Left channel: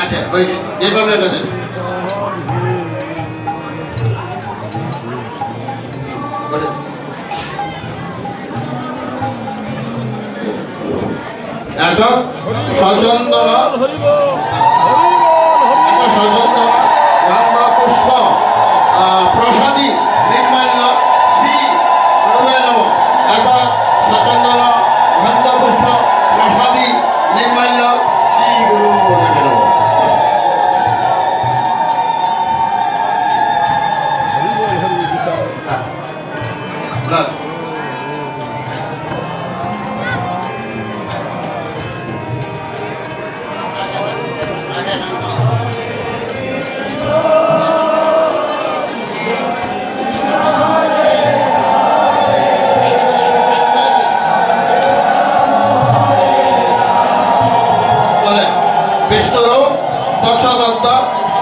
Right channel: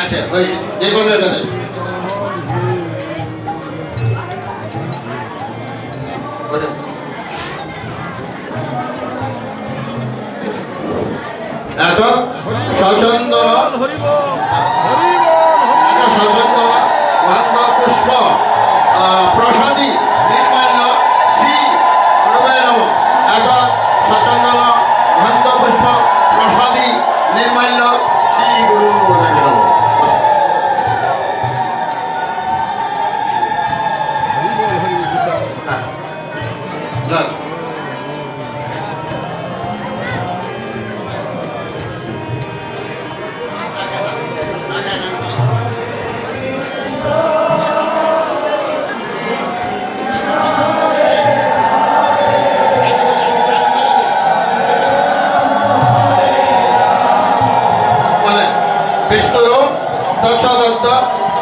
আচ্ছা ওই নির্মলের কাছে এত সচন্দন সচন্দন গন্ধ পুষ্প প্রসাদী নির্মাল্য শ্রী গুরুবে নম এত সচন্দন গন্ধ পুষ্প প্রসাদী নির্মাল্য শ্রী গুরুবে নম বিষ্ণুরূপ দক্ষদত্ত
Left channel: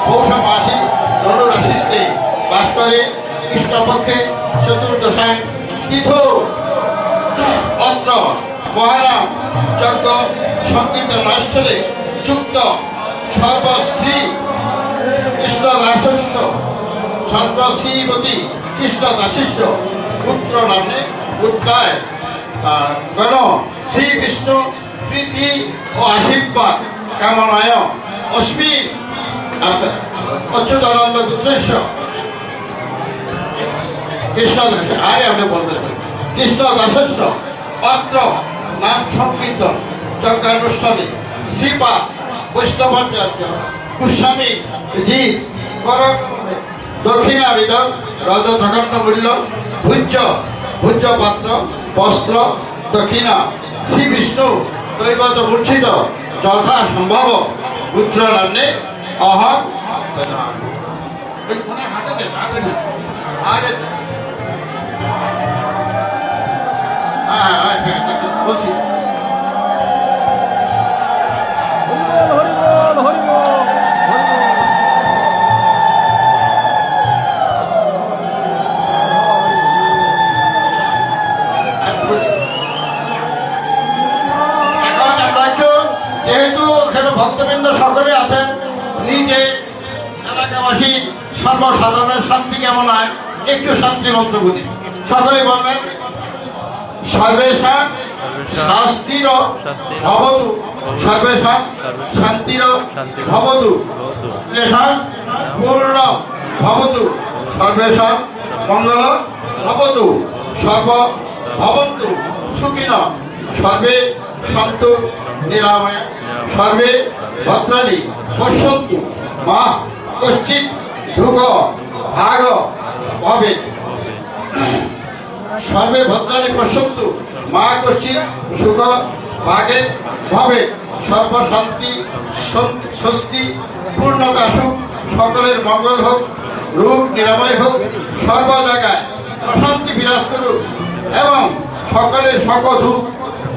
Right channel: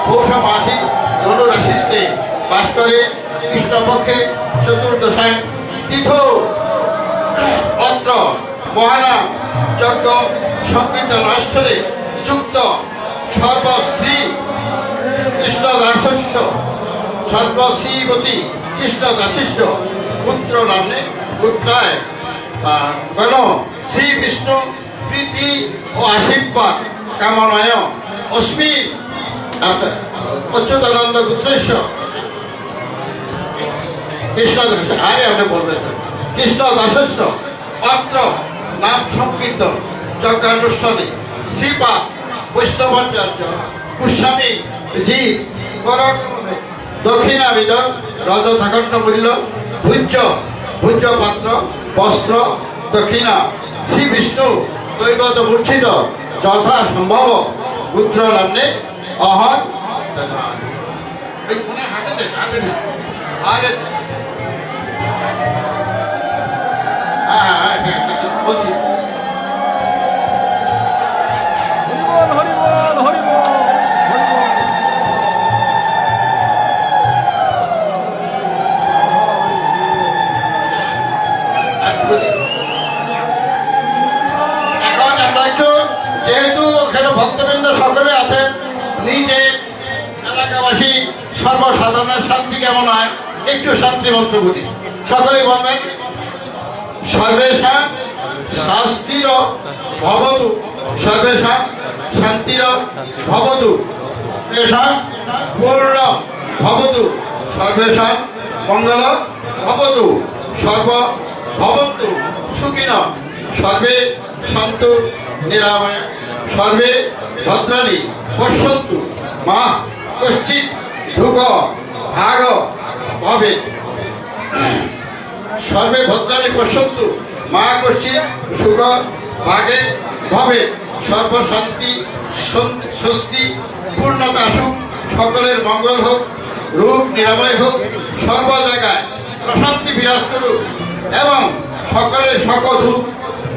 পৌষ মাসি ধনুরাশিস্তে বাস করে কৃষ্ণপক্ষে চতুর্দশায়ন তীর্থ অত্র মহারাম যজ্ঞ সংকীর্তন রাষ্ট্রে যুক্ত সর্বশ্রী কৃষ্ণদাসস্য সর্বশ্রীবতী কৃষ্ণদাসিষ্য পুত্র নামে পুত্রায় গণ শ্রী বিষ্ণু প্রীতি ও আশীর্বাদ কামনায় অস্মি অচ্যুতানন্দ পুত্রেশ্ব কৃষ্ণদাস আগে আপনি বলবেন কৃষ্ণদাসস্য অত্র নাম সংকীর্তন যজ্ঞানুষ্ঠানে শ্রীপা বৈষ্ণবাচার্য গোস্বামী জি দক্ষিণাবিদন রজতখণ্ড মূল্য ভূজ্য পাত্র বস্ত্র দক্ষিণা শ্রী বিষ্ণু দৈবত মূর্ছিত যথা সম্ভব পুত্র নামে অহং বলছি যেহেতু এখানে ভক্তবৃন্দ সকলে আছেন নিজে এলাকাবাসী সর্বসাধারণের শান্তি কেমন হয় একটু শান্তি মন্ত্র বলি সকলে বলবেন সর্বেশাং শাস্তির ভবতু সর্বেশাং শান্তির ভবতু এষাং পূর্ণ ভবতু সর্বেশাং মঙ্গল ভবতু সর্ব ভবন্তু সুখিন সর্বে সন্তু নিরাময় সর্বে ভদ্রাণী পশ্যন্তু মা কশ্চিৎ ধুক ভাগ ভবে সর্বে ভদ্রাণী পশ্যন্তু মা কশ্চিৎ সুখ ভাগে ভবে সর্বশান্তি স্বস্তি পূর্ণতা সুখ সকলের মঙ্গল হোক রোগ নিরাময় হোক সর্ব জায়গায় প্রশান্তি বিরাজ করুক এবং সকলের সকল দুঃখ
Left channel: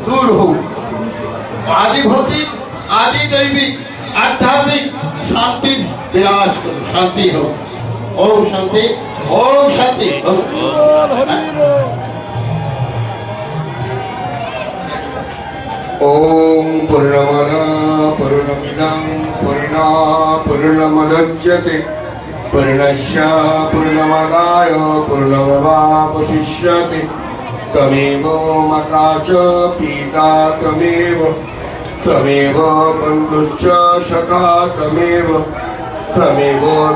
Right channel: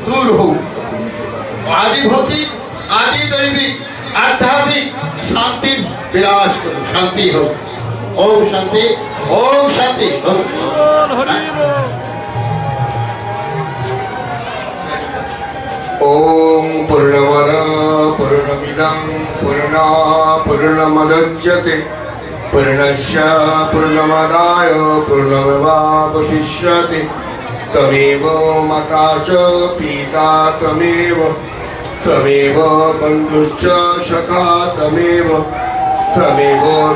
দূর হোক আদি ভৌতিক আদি দৈবিক আধ্যাত্মিক শান্তি বিরাজ করুক শান্তি হোক ওম শান্তি হোক ওম পূর্ণমদঃ পূর্ণমিদং পূর্ণমদচ্যতে পূর্ণস্য পূর্ণমাদায় পূর্ণমেবাবশিষ্যতে তমেব মাতা চ পিতা তমেব বন্ধুশ্চ সখা তমেব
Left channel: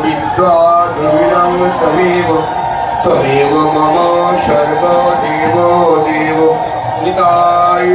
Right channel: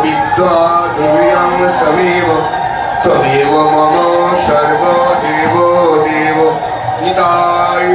বিদ্যা দ্রবিণং তমেব মম সর্বদেব নিতাই